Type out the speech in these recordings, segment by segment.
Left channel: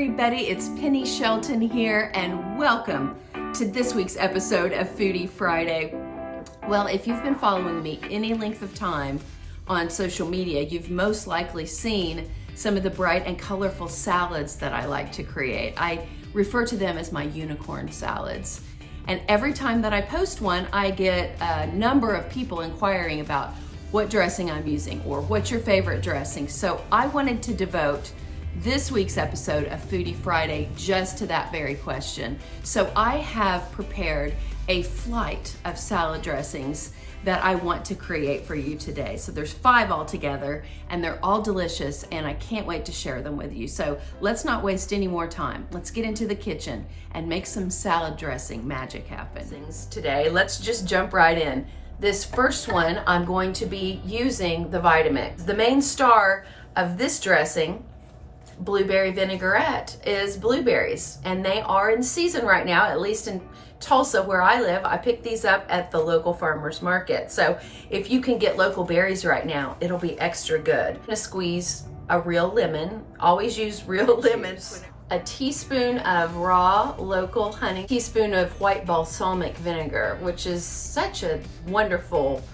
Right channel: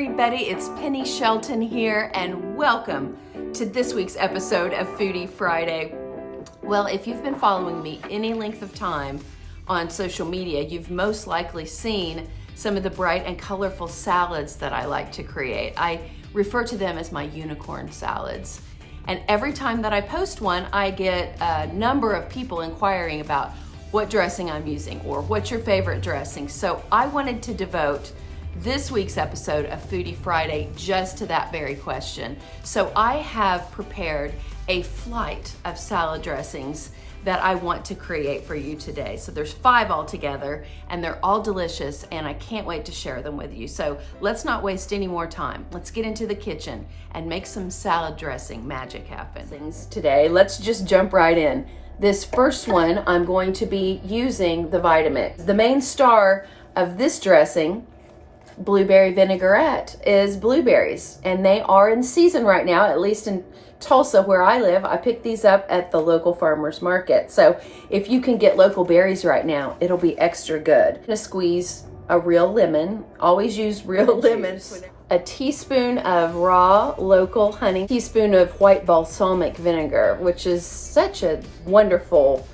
everybody, it's Penny Shelton here, and welcome to this week's episode of Foodie Friday. Well, if you've been following me any length of time on social media, you've most likely seen some of the bright and colorful salads that I like to create. I refer to them as my unicorn salads. And every time that I post one, I get a number of people inquiring about what dressing I'm using or what's your favorite dressing. So I wanted to devote this week's episode of Foodie Friday just to that very question. So I have prepared a flight of salad dressings that I want to create for you today. So there's 5 altogether, and they're all delicious, and I can't wait to share them with you. So let's not waste any more time. Let's get into the kitchen and make some salad dressing magic happen. Today, let's just jump right in. This first one, I'm going to be using the Vitamix. The main star of this dressing, blueberry vinaigrette, is blueberries, and they are in season right now, at least in Tulsa where I live. I picked these up at the local farmer's market. So if you can get local berries right now, it'll be extra good. I'm gonna squeeze a real lemon. Always use real lemons. A teaspoon of raw local honey, a teaspoon of white balsamic vinegar, which is such a wonderful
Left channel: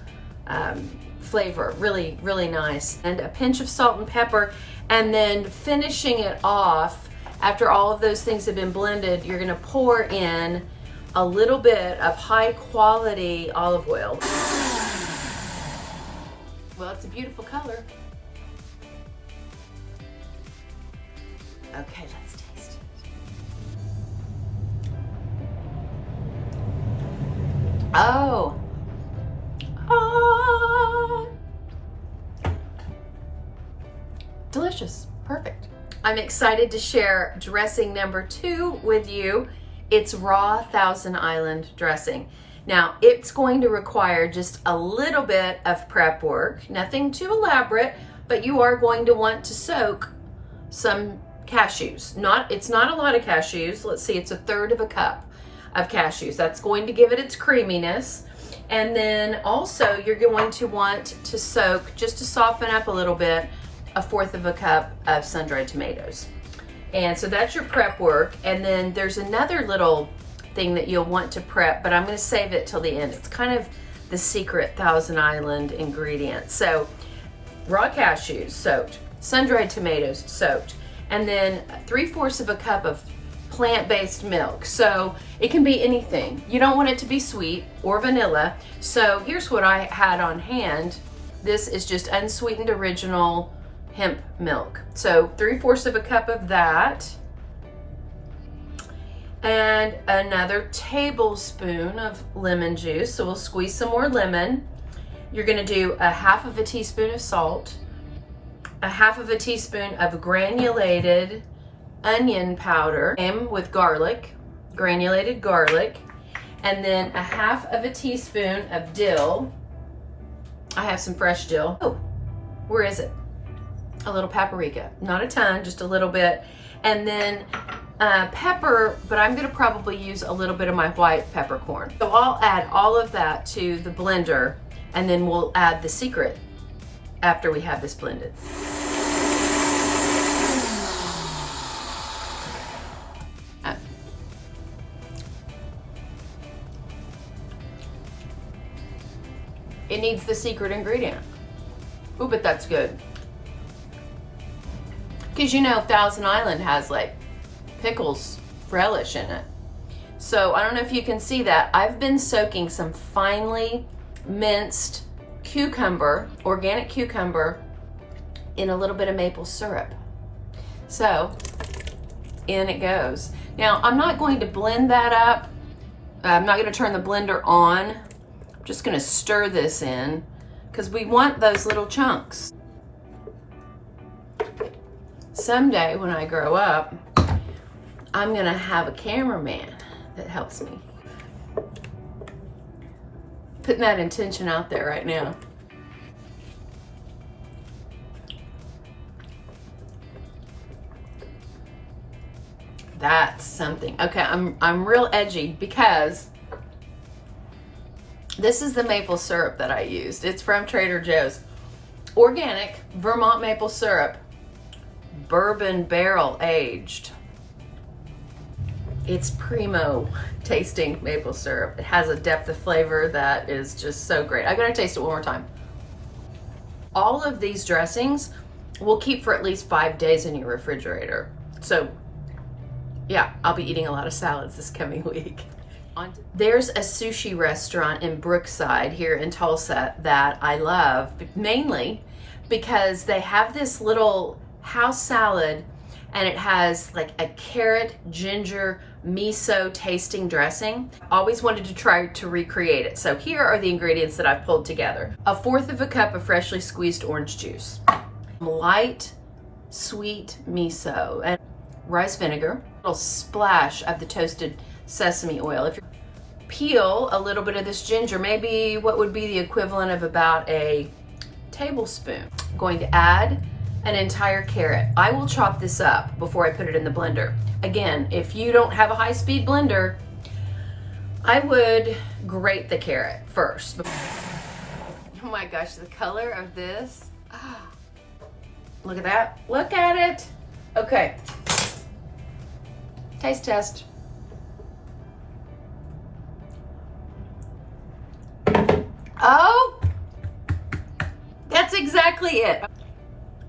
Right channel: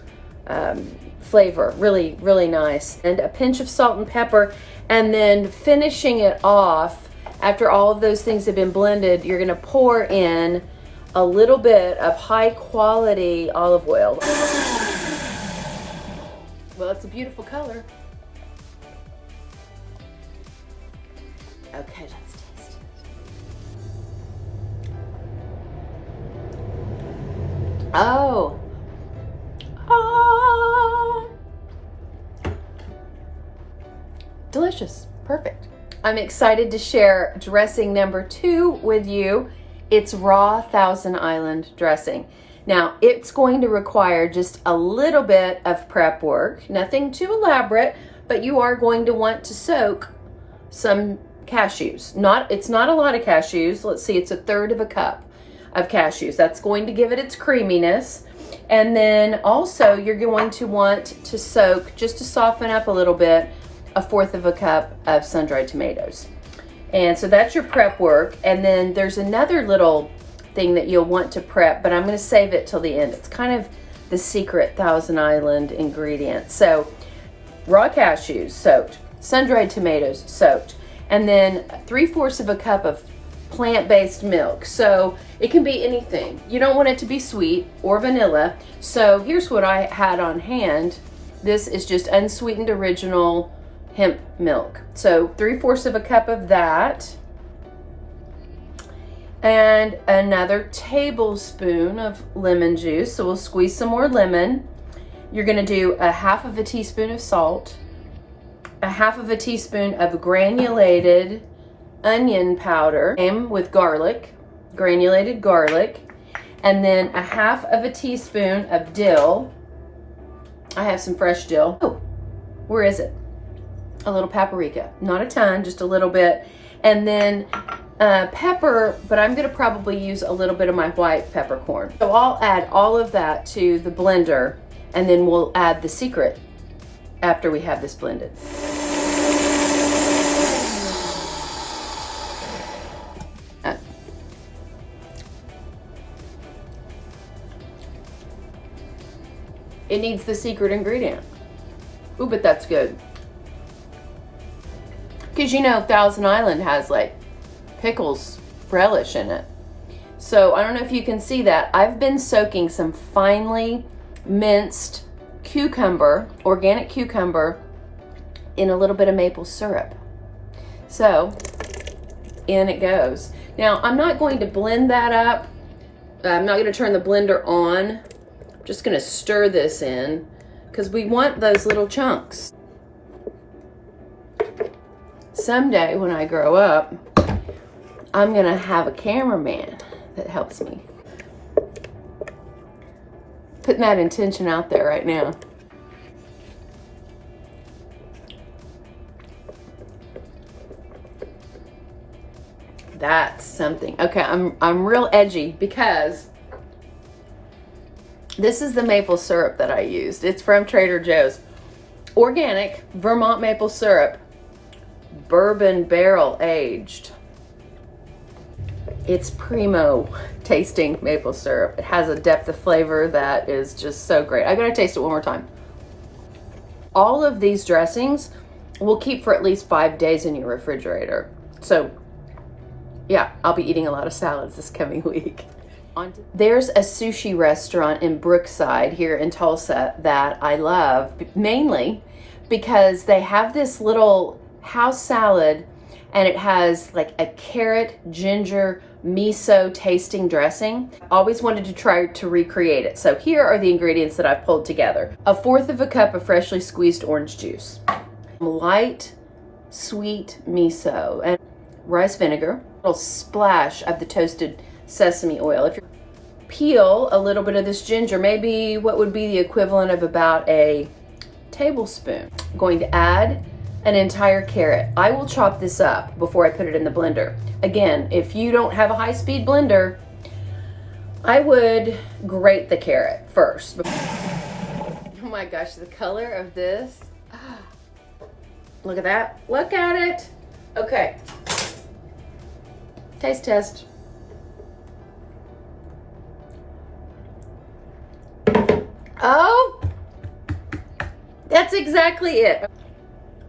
flavor, really, really nice. And a pinch of salt and pepper. And then finishing it off, after all of those things have been blended, you're gonna pour in a little bit of high quality olive oil. Well, it's a beautiful color. Okay, let's taste it. Oh. Delicious, perfect. I'm excited to share dressing number 2 with you. It's raw Thousand Island dressing. Now, it's going to require just a little bit of prep work, nothing too elaborate, but you are going to want to soak some cashews. It's not a lot of cashews. Let's see, it's 1/3 cup of cashews. That's going to give it its creaminess. And then also you're going to want to soak, just to soften up a little bit, 1/4 cup of sun-dried tomatoes. And so that's your prep work. And then there's another little thing that you'll want to prep, but I'm going to save it till the end. It's kind of the secret Thousand Island ingredient. So raw cashews soaked, sun-dried tomatoes soaked, and then 3/4 cup of plant-based milk. So it can be anything. You don't want it to be sweet or vanilla. So here's what I had on hand. This is just unsweetened original hemp milk. So 3/4 cup of that, and another tablespoon of lemon juice. So we'll squeeze some more lemon. You're gonna do 1/2 teaspoon of salt, 1/2 teaspoon of granulated onion powder, same with garlic, granulated garlic, and then 1/2 teaspoon of dill. I have some fresh dill. Oh, where is it? A little paprika, not a ton, just a little bit. And then pepper, but I'm gonna probably use a little bit of my white peppercorn. So I'll add all of that to the blender, and then we'll add the secret after we have this blended. It needs the secret ingredient. Ooh, but that's good. Because you know Thousand Island has like pickles relish in it. So I don't know if you can see that. I've been soaking some finely minced cucumber, organic cucumber, in a little bit of maple syrup. So in it goes. Now I'm not going to blend that up. I'm not going to turn the blender on. I'm just going to stir this in because we want those little chunks. Someday when I grow up, I'm gonna have a cameraman that helps me. Putting that intention out there right now. That's something. Okay, I'm real edgy because this is the maple syrup that I used. It's from Trader Joe's. Organic Vermont maple syrup. bourbon barrel aged. It's primo tasting maple syrup. It has a depth of flavor that is just so great. I'm gonna taste it one more time. All of these dressings will keep for at least 5 days in your refrigerator. So yeah, I'll be eating a lot of salads this coming week. There's a sushi restaurant in Brookside here in Tulsa that I love, mainly because they have this little house salad and it has like a carrot, ginger, miso tasting dressing. Always wanted to try to recreate it. So here are the ingredients that I've pulled together. 1/4 cup of freshly squeezed orange juice, light sweet miso, and rice vinegar, a little splash of the toasted sesame oil. If you peel a little bit of this ginger, maybe what would be the equivalent of about a tablespoon. I'm going to add an entire carrot. I will chop this up before I put it in the blender. Again, if you don't have a high-speed blender, I would grate the carrot first. Oh my gosh, the color of this. Look at that. Look at it. Okay. Taste test. Oh, that's exactly it.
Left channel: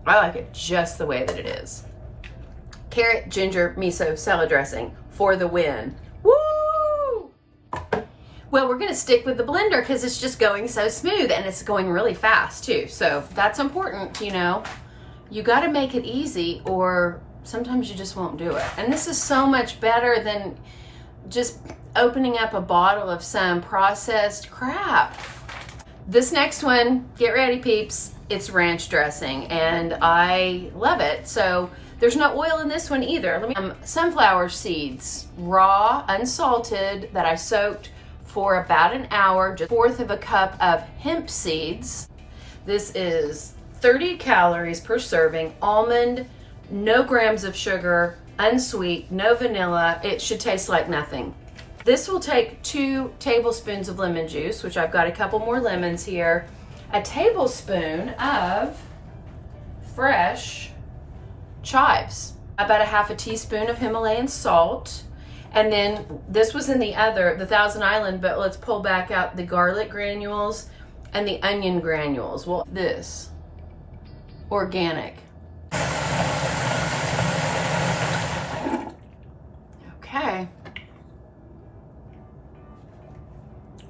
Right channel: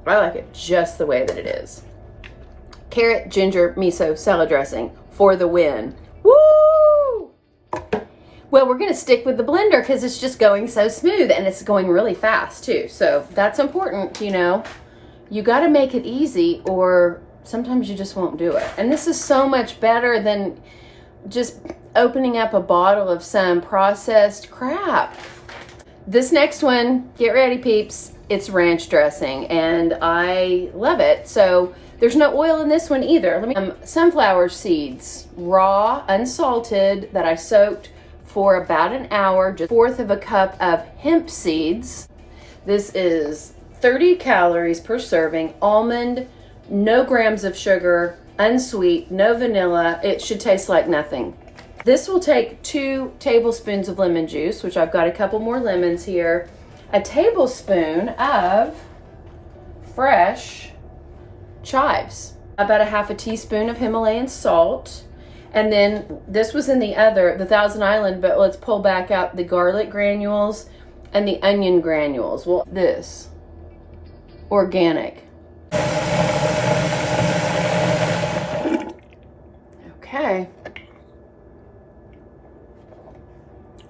I like it just the way that it is. Carrot, ginger, miso, salad dressing for the win. Woo! Well, we're gonna stick with the blender because it's just going so smooth and it's going really fast too. So that's important, you know. You gotta make it easy or sometimes you just won't do it. And this is so much better than just opening up a bottle of some processed crap. This next one, get ready peeps, it's ranch dressing and I love it. So there's no oil in this one either. Sunflower seeds, raw, unsalted, that I soaked for about an hour. Just 1/4 cup of hemp seeds. This is 30 calories per serving, almond, no grams of sugar, unsweet, no vanilla. It should taste like nothing. This will take 2 tablespoons of lemon juice, which I've got a couple more lemons here, a tablespoon of fresh chives, about a 1/2 teaspoon of Himalayan salt, and then this was in the Thousand Island, but let's pull back out the garlic granules and the onion granules. Well, this, organic. Okay.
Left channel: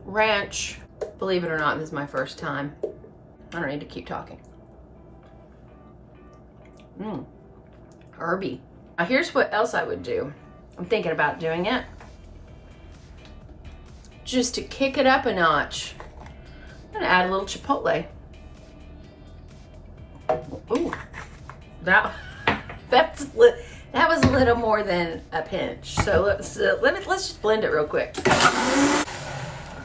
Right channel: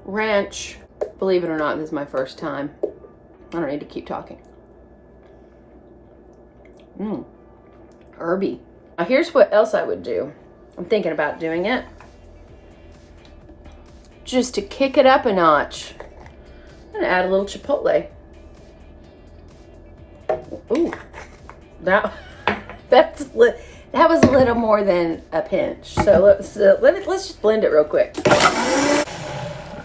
Ranch. Believe it or not, this is my first time. I don't need to keep talking. Herby. Now here's what else I would do. I'm thinking about doing it. Just to kick it up a notch, I'm gonna add a little chipotle. Ooh, that was a little more than a pinch. So let's just blend it real quick.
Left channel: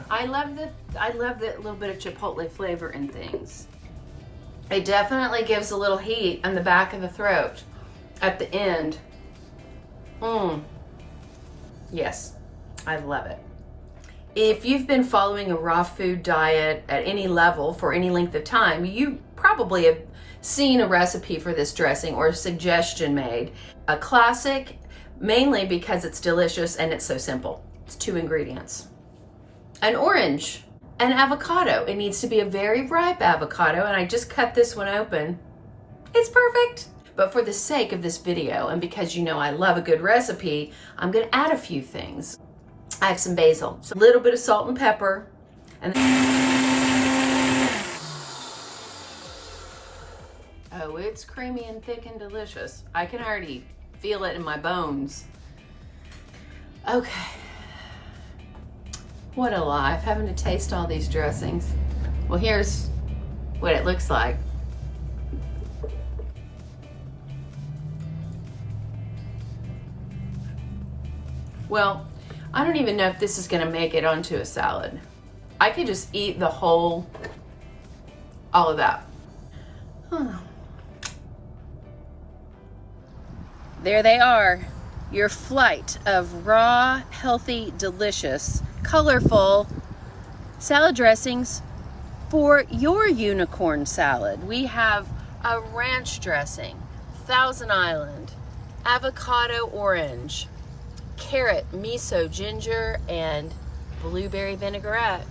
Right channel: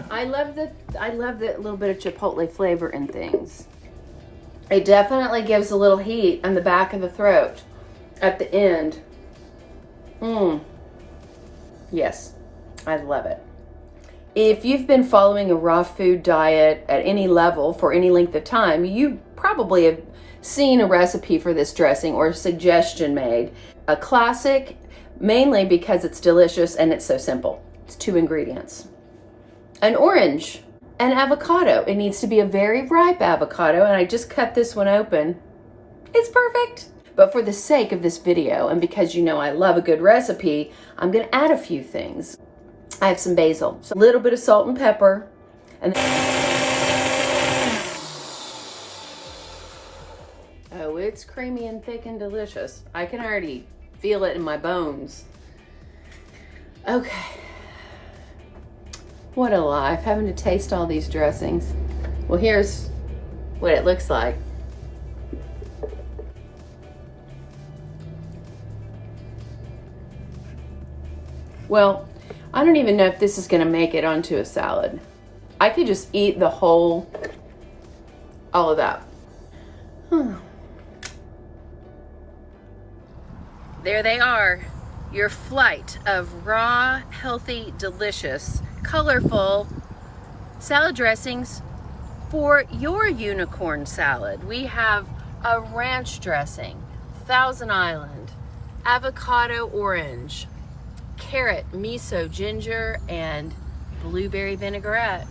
I love that little bit of chipotle flavor in things. It definitely gives a little heat on the back of the throat at the end. Yes, I love it. If you've been following a raw food diet at any level for any length of time, you probably have seen a recipe for this dressing or a suggestion made. A classic, mainly because it's delicious and it's so simple. It's 2 ingredients. An orange, an avocado. It needs to be a very ripe avocado, and I just cut this one open. It's perfect. But for the sake of this video, and because you know I love a good recipe, I'm gonna add a few things. I have some basil, so a little bit of salt and pepper, and oh, it's creamy and thick and delicious. I can already feel it in my bones. Okay. What a life, having to taste all these dressings. Well, here's what it looks like. Well, I don't even know if this is gonna make it onto a salad. I could just eat the whole, all of that. There they are, your flight of raw, healthy, delicious, colorful salad dressings for your unicorn salad. We have a ranch dressing, Thousand Island, avocado orange, carrot, miso, ginger, and blueberry vinaigrette.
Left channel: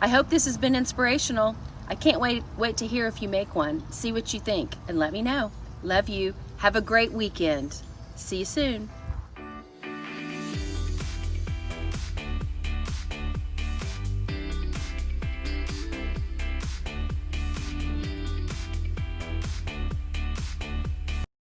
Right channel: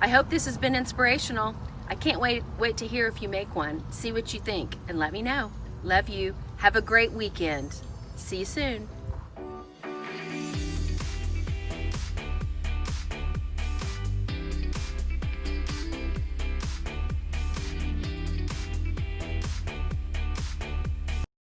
I hope this has been inspirational. I can't wait to hear if you make one. See what you think and let me know. Love you. Have a great weekend. See you soon.